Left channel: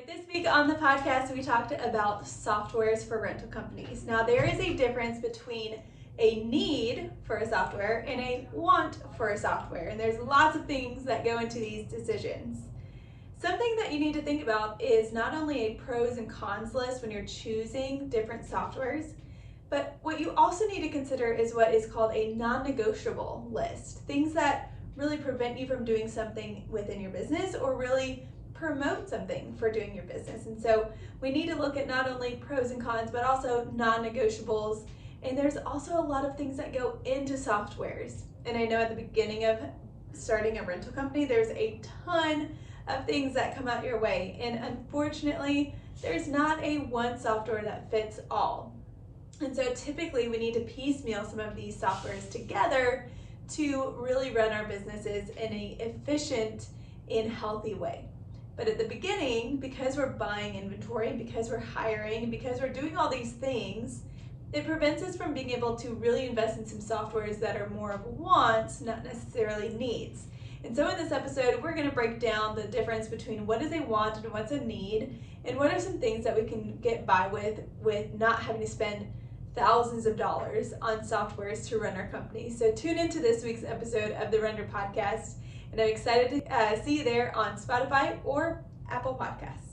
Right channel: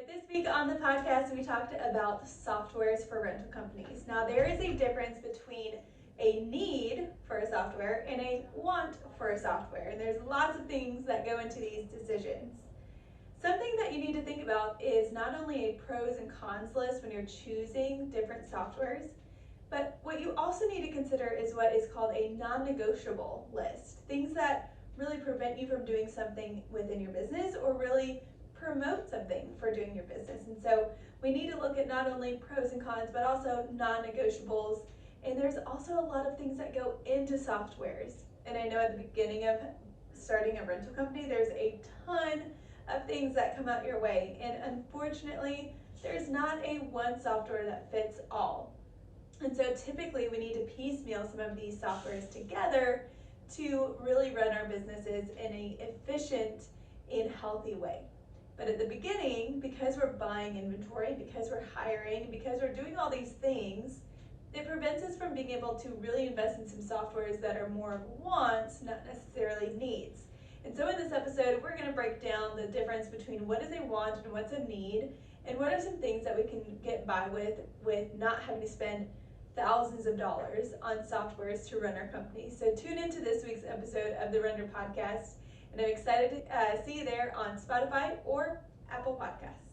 right, this week on the podcast, we talked about softwares for rental companies. Now, there is a difference between a need for a software and a want for a software, and there's lots of things that go into these decisions. Something that you need to think about is not only a pros and cons list when you're choosing different softwares, but what you also need to consider is what is called a non-negotiable list. Things that really prevent you from doing something within your business or really promote something for doing your business. And so we need to look at not only pros and cons, but also non-negotiables. And there's also a lot of things that go into softwares. And I know at the beginning of starting a rental company, there's a ton of things that come out your way. And unfortunately, there's not a one software that fits all. And so typically we need to piecemeal some of these softwares together to really run our businesses in an efficient and healthy way. But at the beginning, because we're buying inventory, because we're hiring, because we're doing all these things, it prevents us from being able to really invest in some softwares that are more of wants, not necessarily needs. And so in this episode, we're going to break down the difference between what is a want and what's a need, and what are some things that we can get by with not having to spend thousands of dollars on softwares to run our company. So tune into this week's episode of the Render Podcast, and I'm excited to see you there on Spotify or Apple Podcasts.